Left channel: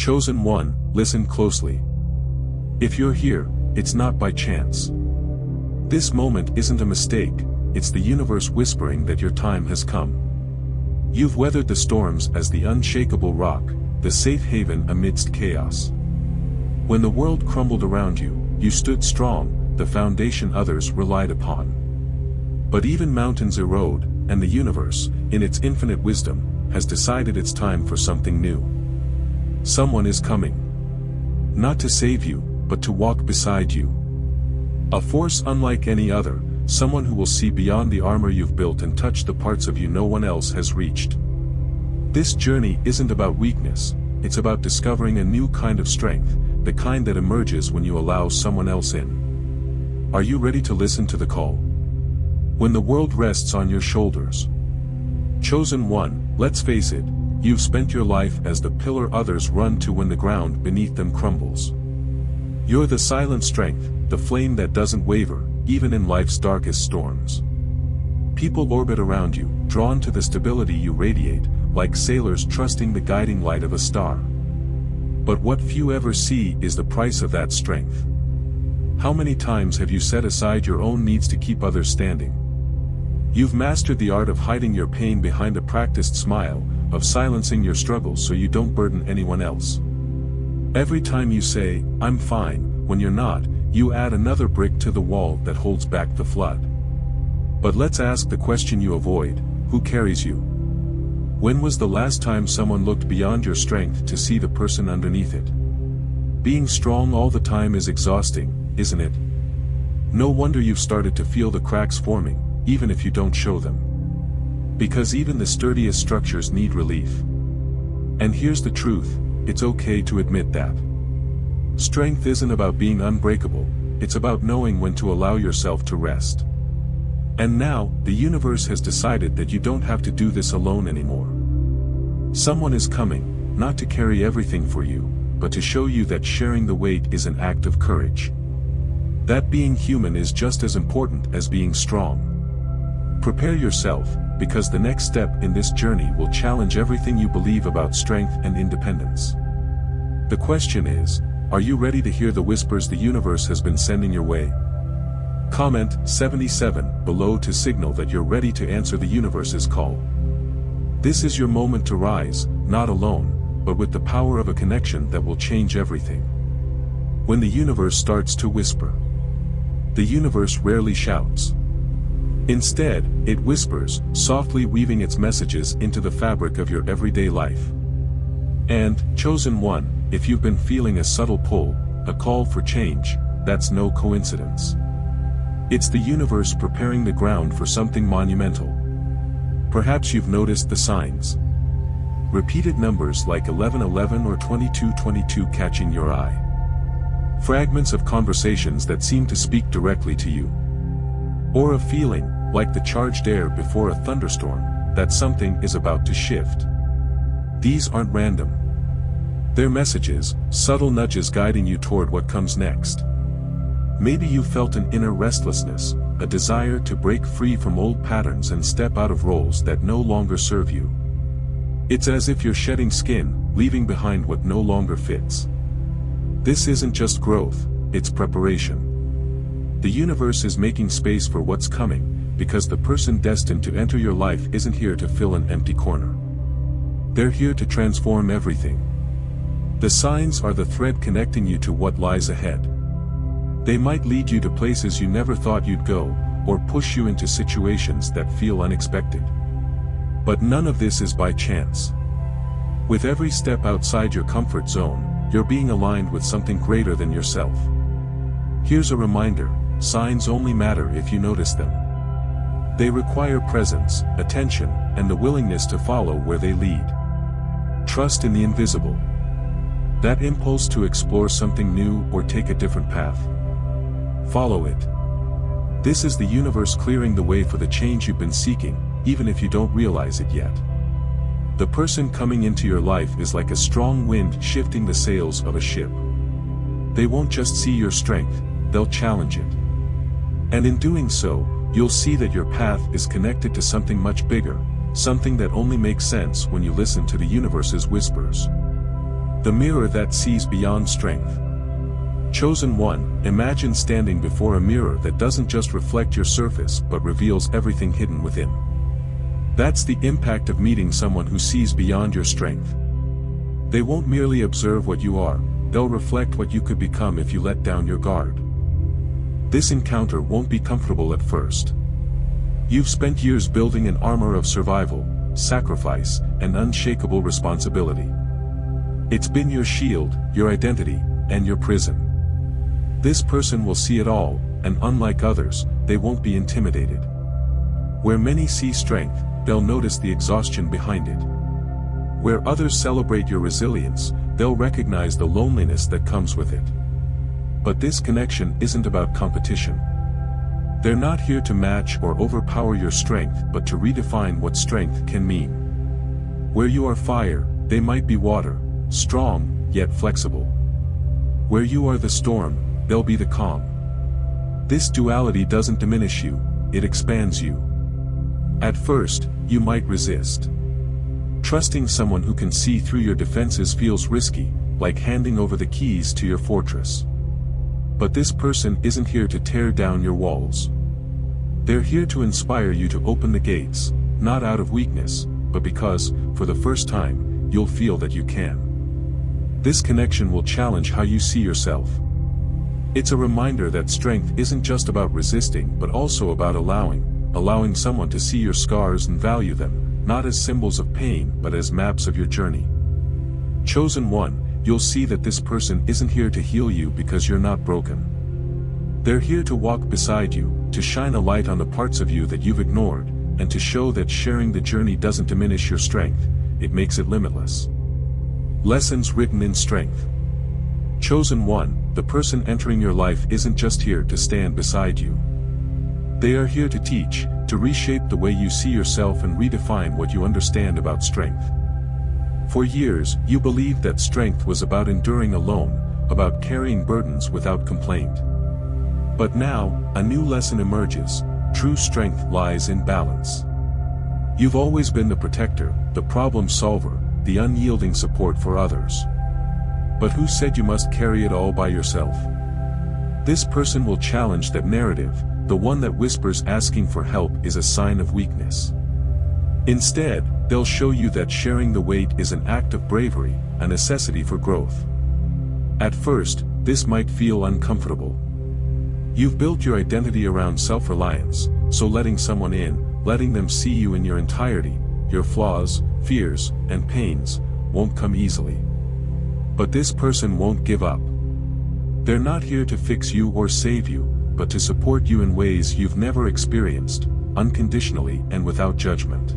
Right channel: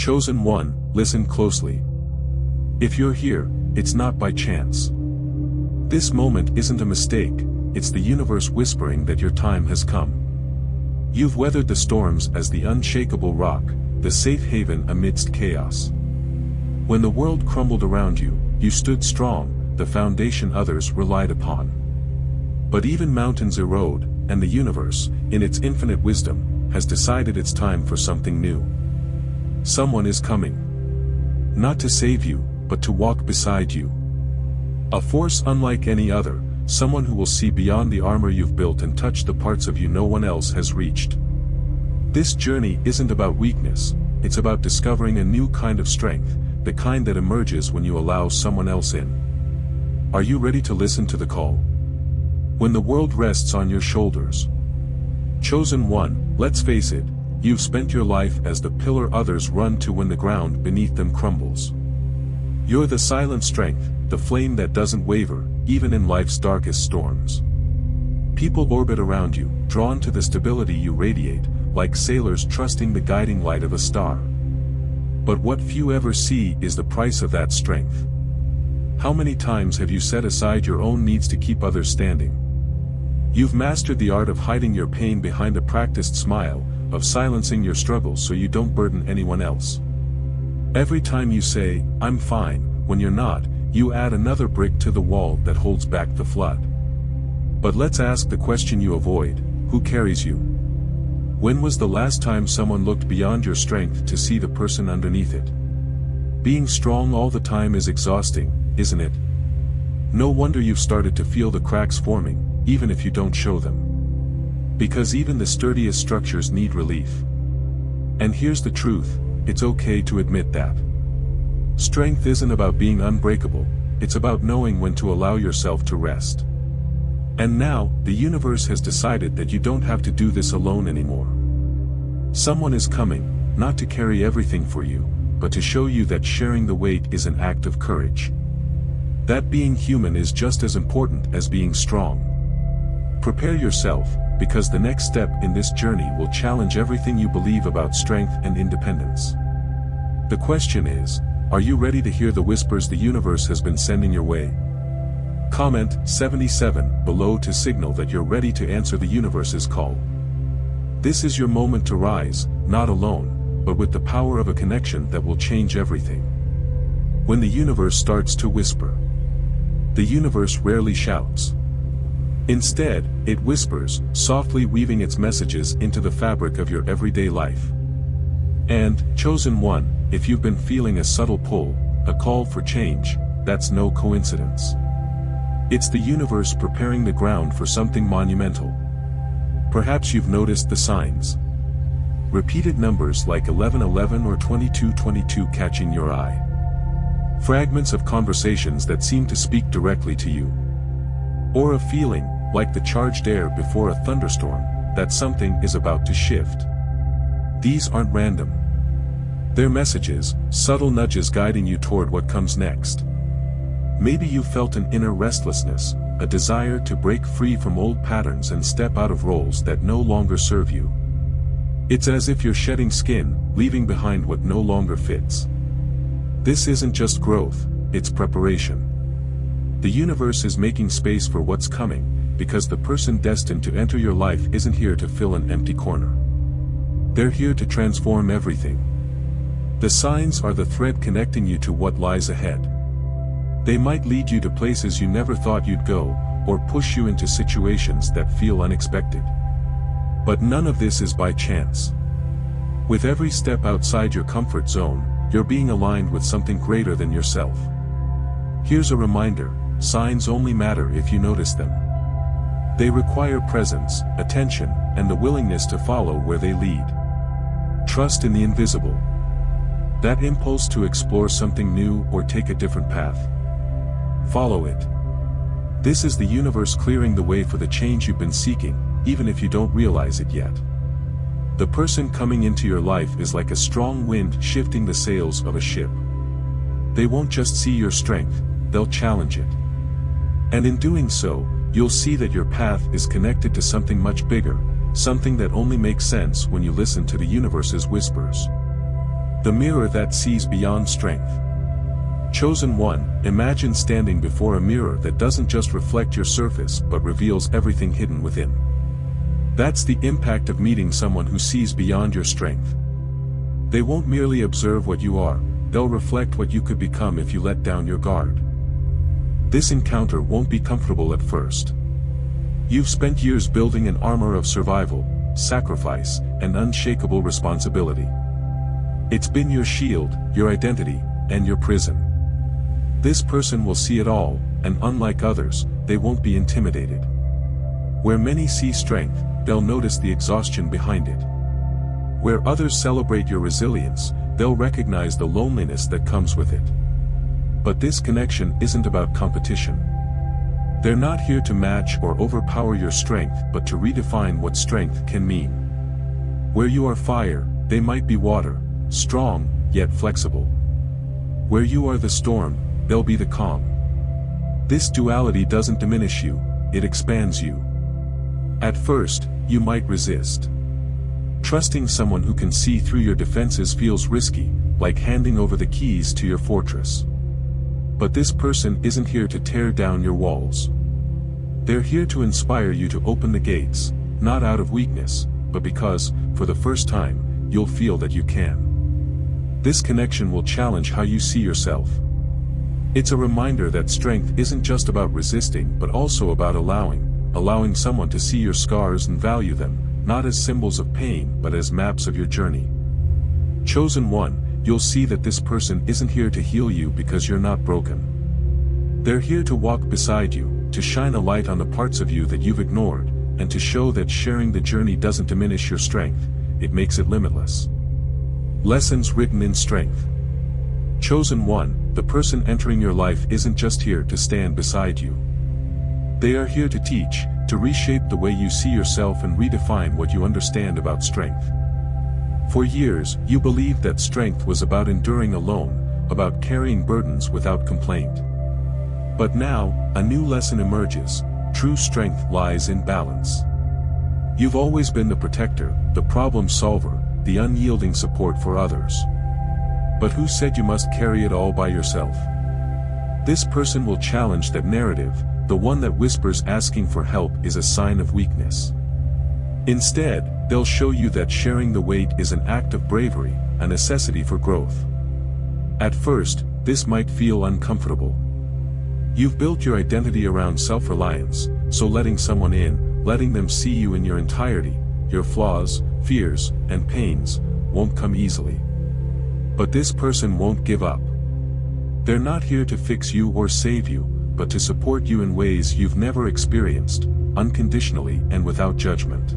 Chosen one, listen closely. If you're here, it's not by chance. This moment isn't a mistake, it's the universe whispering that your time has come. You've weathered the storms as the unshakable rock, the safe haven amidst chaos. When the world crumbled around you, you stood strong, the foundation others relied upon. But even mountains erode, and the universe, in its infinite wisdom, has decided it's time for something new. Someone is coming. Not to save you, but to walk beside you. A force unlike any other, someone who will see beyond the armor you've built and touch the parts of you no one else has reached. This journey isn't about weakness, it's about discovering a new kind of strength, the kind that emerges when you allow someone else in. Are you ready to listen to the call? When the world rests on your shoulders. Chosen one, let's face it, you've spent your life as the pillar others run to when the ground beneath them crumbles. You're the silent strength, the flame that doesn't waver, even in life's darkest storms. People orbit around you, drawn to the stability you radiate, like sailors trusting the guiding light of a star. But what few ever see is the price of that strength. How many times have you set aside your own needs to keep others standing? You've mastered the art of hiding your pain behind a practiced smile, of silencing your struggles so you don't burden anyone else. Every time you say, "I'm fine," when you're not, you add another brick to the wall that holds back the flood. But let's ask the question you avoid: who carries you? When was the last time someone looked beyond your strength to see the person underneath it? Being strong all the time is exhausting, isn't it? No wonder you've started to feel the cracks forming, even if you don't show them. Because even the sturdiest structures need relief. And here's the truth, it's okay to admit that. Strength isn't about being unbreakable, it's about knowing when to allow yourself to rest. And now, the universe has decided that you don't have to do this alone anymore. Someone is coming, not to carry everything for you, but to show you that sharing the weight is an act of courage. That being human is just as important as being strong. Prepare yourself, because the next step in this journey will challenge everything you believe about strength and independence. The question is, are you ready to hear the whispers the universe has been sending your way? Comment 77 below to signal that you're ready to answer the universe's call. This is your moment to rise, not alone, but with the power of a connection that will change everything. When the universe starts to whisper, the universe rarely shouts. Instead, it whispers, softly weaving its messages into the fabric of your everyday life. And, chosen one, if you've been feeling a subtle pull, a call for change, that's no coincidence. It's the universe preparing the ground for something monumental. Perhaps you've noticed the signs. Repeated numbers like 1111 or 2222 catching your eye. Fragments of conversations that seem to speak directly to you. Or a feeling, like the charged air before a thunderstorm, that something is about to shift. These aren't random. They're messages, subtle nudges guiding you toward what comes next. Maybe you felt an inner restlessness, a desire to break free from old patterns and step out of roles that no longer serve you. It's as if you're shedding skin, leaving behind what no longer fits. This isn't just growth, it's preparation. The universe is making space for what's coming, because the person destined to enter your life isn't here to fill an empty corner. They're here to transform everything. The signs are the thread connecting you to what lies ahead. They might lead you to places you never thought you'd go, or push you into situations that feel unexpected. But none of this is by chance. With every step outside your comfort zone, you're being aligned with something greater than yourself. Here's a reminder, signs only matter if you notice them. They require presence, attention, and the willingness to follow where they lead. Trust in the invisible. That impulse to explore something new or take a different path. Follow it. This is the universe clearing the way for the change you've been seeking, even if you don't realize it yet. The person coming into your life is like a strong wind shifting the sails of a ship. They won't just see your strength, they'll challenge it. And in doing so, you'll see that your path is connected to something much bigger, something that only makes sense when you listen to the universe's whispers. The mirror that sees beyond strength. Chosen one, imagine standing before a mirror that doesn't just reflect your surface but reveals everything hidden within. That's the impact of meeting someone who sees beyond your strength. They won't merely observe what you are, they'll reflect what you could become if you let down your guard. This encounter won't be comfortable at first. You've spent years building an armor of survival, sacrifice, and unshakable responsibility. It's been your shield, your identity, and your prison. This person will see it all, and unlike others, they won't be intimidated. Where many see strength, they'll notice the exhaustion behind it. Where others celebrate your resilience, they'll recognize the loneliness that comes with it. But this connection isn't about competition. They're not here to match or overpower your strength but to redefine what strength can mean. Where you are fire, they might be water, strong, yet flexible. Where you are the storm, they'll be the calm. This duality doesn't diminish you, it expands you. At first, you might resist. Trusting someone who can see through your defenses feels risky, like handing over the keys to your fortress. But this person isn't here to tear down your walls. They're here to inspire you to open the gates, not out of weakness, but because, for the first time, you'll feel that you can. This connection will challenge how you see yourself. It's a reminder that strength isn't just about resisting but also about allowing someone to see your scars and value them, not as symbols of pain but as maps of your journey. Chosen one, you'll see that this person isn't here to heal you because you're not broken. They're here to walk beside you, to shine a light on the parts of you that you've ignored, and to show that sharing the journey doesn't diminish your strength, it makes it limitless. Lessons written in strength. Chosen one, the person entering your life isn't just here to stand beside you. They are here to teach, to reshape the way you see yourself and redefine what you understand about strength. For years, you believed that strength was about enduring alone, about carrying burdens without complaint. But now, a new lesson emerges: true strength lies in balance. You've always been the protector, the problem solver, the unyielding support for others. But who said you must carry it all by yourself? This person will challenge that narrative, the one that whispers asking for help is a sign of weakness. Instead, they'll show you that sharing the weight is an act of bravery, a necessity for growth. At first, this might feel uncomfortable. You've built your identity around self-reliance, so letting someone in, letting them see you in your entirety, your flaws, fears, and pains, won't come easily. But this person won't give up. They're not here to fix you or save you, but to support you in ways you've never experienced, unconditionally and without judgment.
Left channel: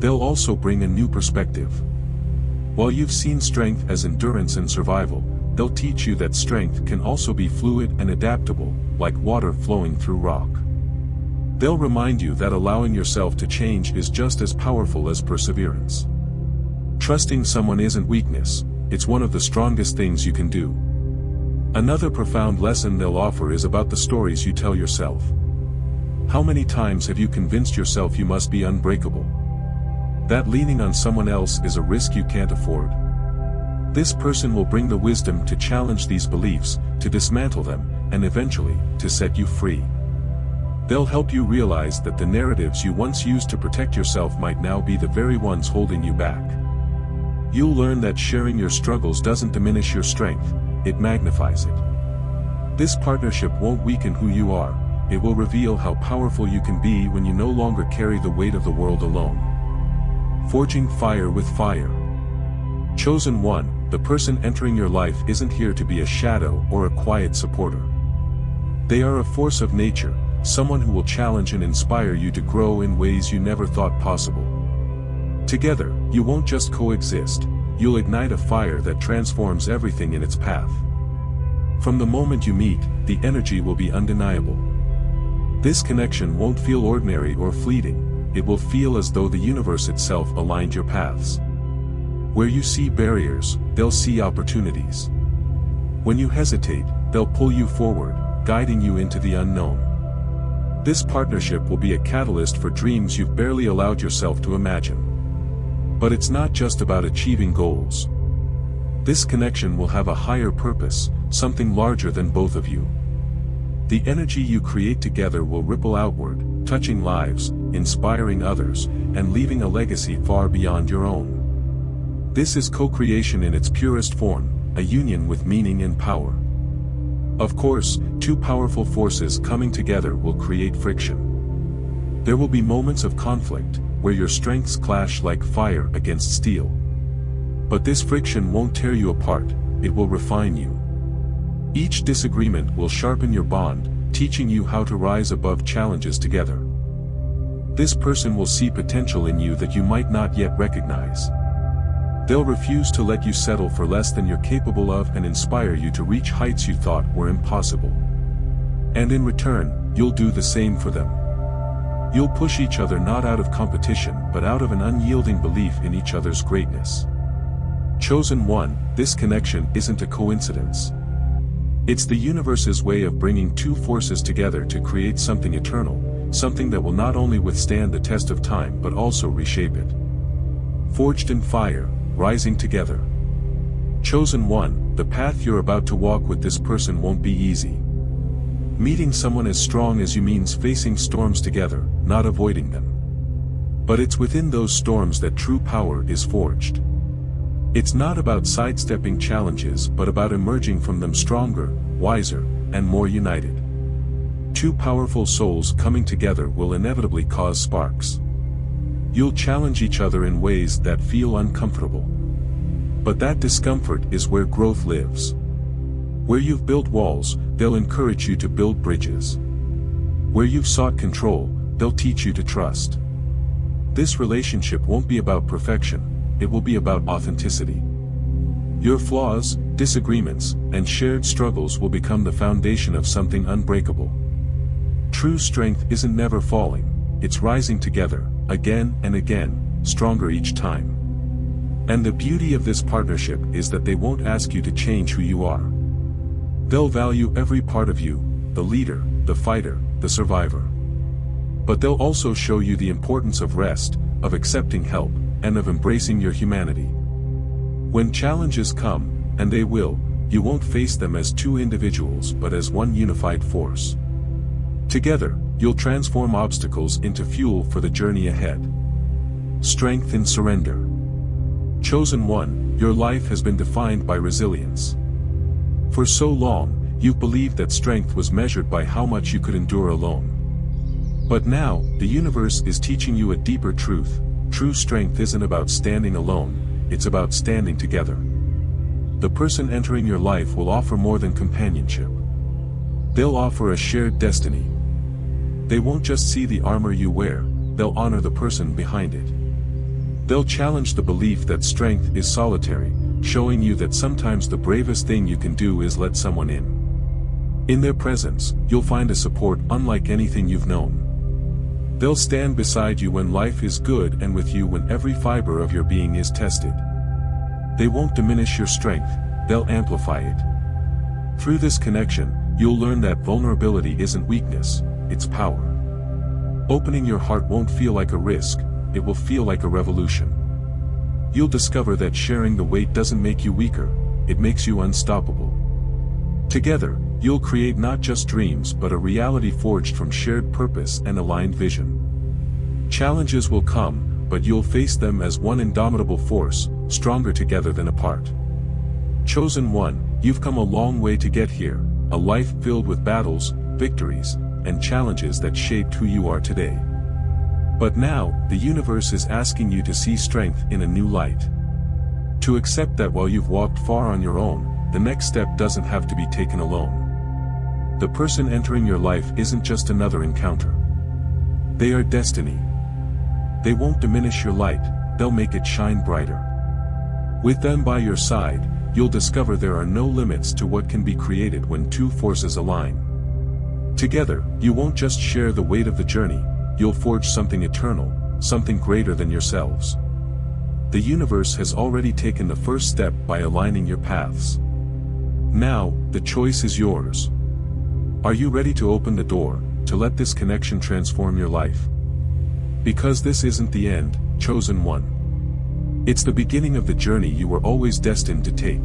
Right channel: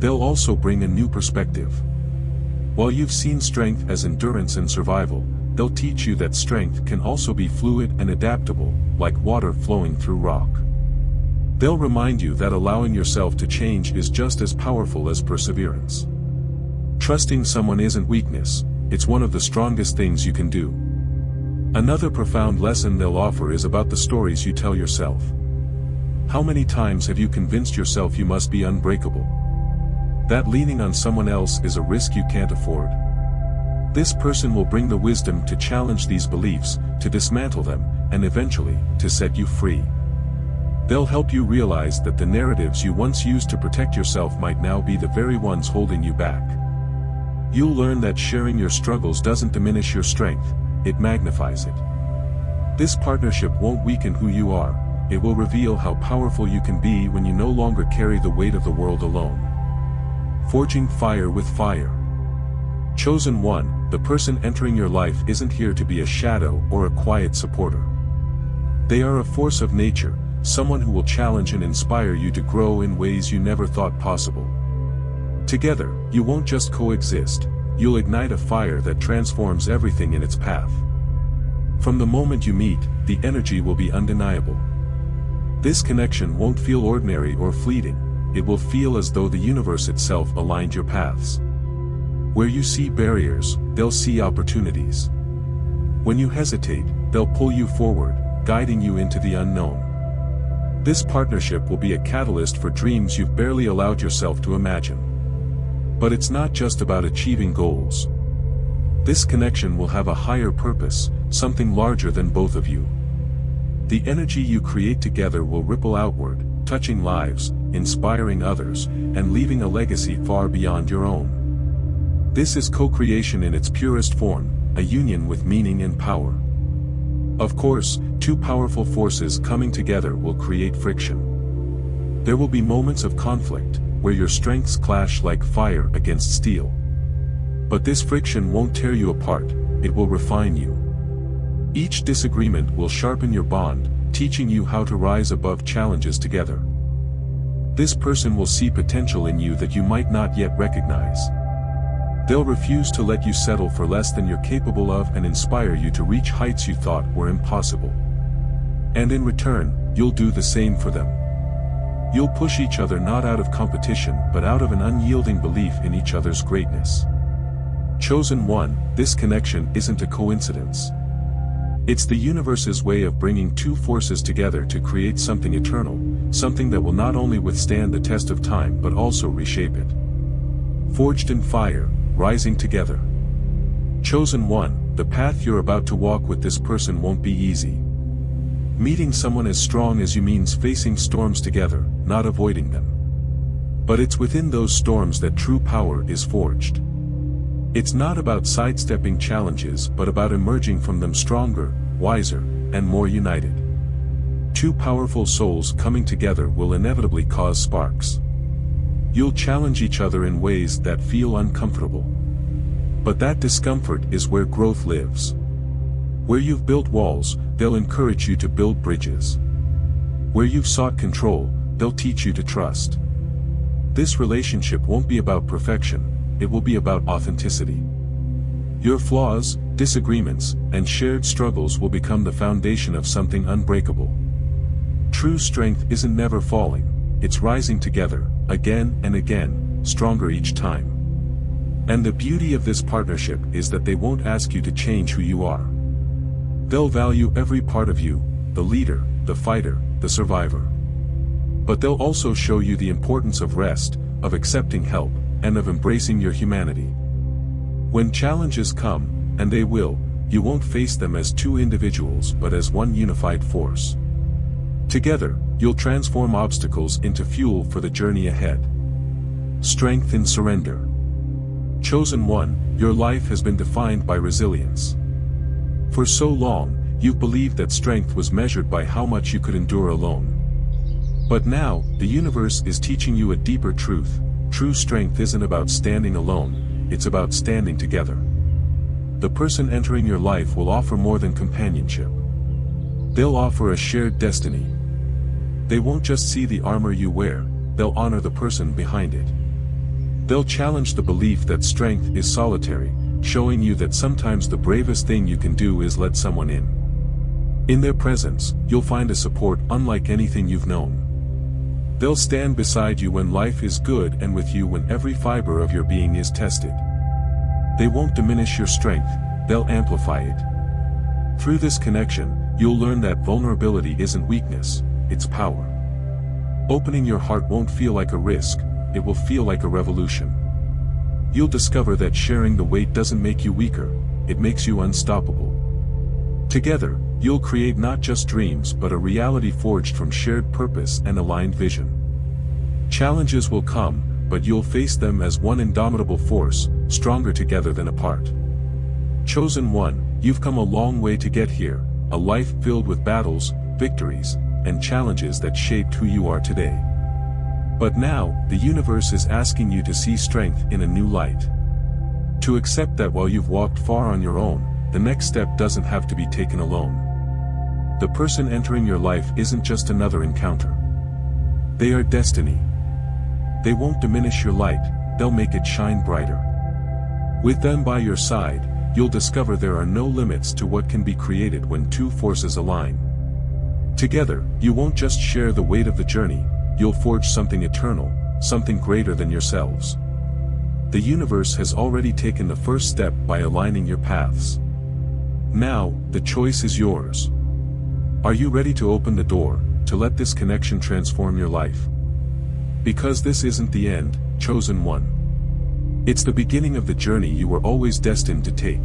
They'll also bring a new perspective. While you've seen strength as endurance and survival, they'll teach you that strength can also be fluid and adaptable, like water flowing through rock. They'll remind you that allowing yourself to change is just as powerful as perseverance. Trusting someone isn't weakness, it's one of the strongest things you can do. Another profound lesson they'll offer is about the stories you tell yourself. How many times have you convinced yourself you must be unbreakable? That leaning on someone else is a risk you can't afford. This person will bring the wisdom to challenge these beliefs, to dismantle them, and eventually, to set you free. They'll help you realize that the narratives you once used to protect yourself might now be the very ones holding you back. You'll learn that sharing your struggles doesn't diminish your strength, it magnifies it. This partnership won't weaken who you are, it will reveal how powerful you can be when you no longer carry the weight of the world alone. Forging fire with fire. Chosen one, the person entering your life isn't here to be a shadow or a quiet supporter. They are a force of nature, someone who will challenge and inspire you to grow in ways you never thought possible. Together, you won't just coexist, you'll ignite a fire that transforms everything in its path. From the moment you meet, the energy will be undeniable. This connection won't feel ordinary or fleeting, it will feel as though the universe itself aligned your paths. Where you see barriers, they'll see opportunities. When you hesitate, they'll pull you forward, guiding you into the unknown. This partnership will be a catalyst for dreams you've barely allowed yourself to imagine. But it's not just about achieving goals. This connection will have a higher purpose, something larger than both of you. The energy you create together will ripple outward, touching lives, inspiring others, and leaving a legacy far beyond your own. This is co-creation in its purest form, a union with meaning and power. Of course, two powerful forces coming together will create friction. There will be moments of conflict, where your strengths clash like fire against steel. But this friction won't tear you apart, it will refine you. Each disagreement will sharpen your bond, teaching you how to rise above challenges together. This person will see potential in you that you might not yet recognize. They'll refuse to let you settle for less than you're capable of and inspire you to reach heights you thought were impossible. And in return, you'll do the same for them. You'll push each other not out of competition but out of an unyielding belief in each other's greatness. Chosen one, this connection isn't a coincidence. It's the universe's way of bringing two forces together to create something eternal, something that will not only withstand the test of time but also reshape it. Forged in fire, rising together. Chosen one, the path you're about to walk with this person won't be easy. Meeting someone as strong as you means facing storms together, not avoiding them. But it's within those storms that true power is forged. It's not about sidestepping challenges but about emerging from them stronger, wiser, and more united. Two powerful souls coming together will inevitably cause sparks. You'll challenge each other in ways that feel uncomfortable. But that discomfort is where growth lives. Where you've built walls, they'll encourage you to build bridges. Where you've sought control, they'll teach you to trust. This relationship won't be about perfection, it will be about authenticity. Your flaws, disagreements, and shared struggles will become the foundation of something unbreakable. True strength isn't never falling, it's rising together, again and again, stronger each time. And the beauty of this partnership is that they won't ask you to change who you are. They'll value every part of you, the leader, the fighter, the survivor. But they'll also show you the importance of rest, of accepting help, and of embracing your humanity. When challenges come, and they will, you won't face them as two individuals but as one unified force. Together, you'll transform obstacles into fuel for the journey ahead. Strength in surrender. Chosen one, your life has been defined by resilience. For so long, you've believed that strength was measured by how much you could endure alone. But now, the universe is teaching you a deeper truth. True strength isn't about standing alone, it's about standing together. The person entering your life will offer more than companionship. They'll offer a shared destiny. They won't just see the armor you wear, they'll honor the person behind it. They'll challenge the belief that strength is solitary, showing you that sometimes the bravest thing you can do is let someone in. In their presence, you'll find a support unlike anything you've known. They'll stand beside you when life is good and with you when every fiber of your being is tested. They won't diminish your strength, they'll amplify it. Through this connection, you'll learn that vulnerability isn't weakness, it's power. Opening your heart won't feel like a risk, it will feel like a revolution. You'll discover that sharing the weight doesn't make you weaker, it makes you unstoppable. Together, you'll create not just dreams but a reality forged from shared purpose and aligned vision. Challenges will come, but you'll face them as one indomitable force, stronger together than apart. Chosen one, you've come a long way to get here, a life filled with battles, victories, and challenges that shaped who you are today. But now, the universe is asking you to see strength in a new light. To accept that while you've walked far on your own, the next step doesn't have to be taken alone. The person entering your life isn't just another encounter. They are destiny. They won't diminish your light, they'll make it shine brighter. With them by your side, you'll discover there are no limits to what can be created when two forces align. Together, you won't just share the weight of the journey, you'll forge something eternal, something greater than yourselves. The universe has already taken the first step by aligning your paths. Now, the choice is yours. Are you ready to open the door, to let this connection transform your life? Because this isn't the end, chosen one. It's the beginning of the journey you were always destined to take.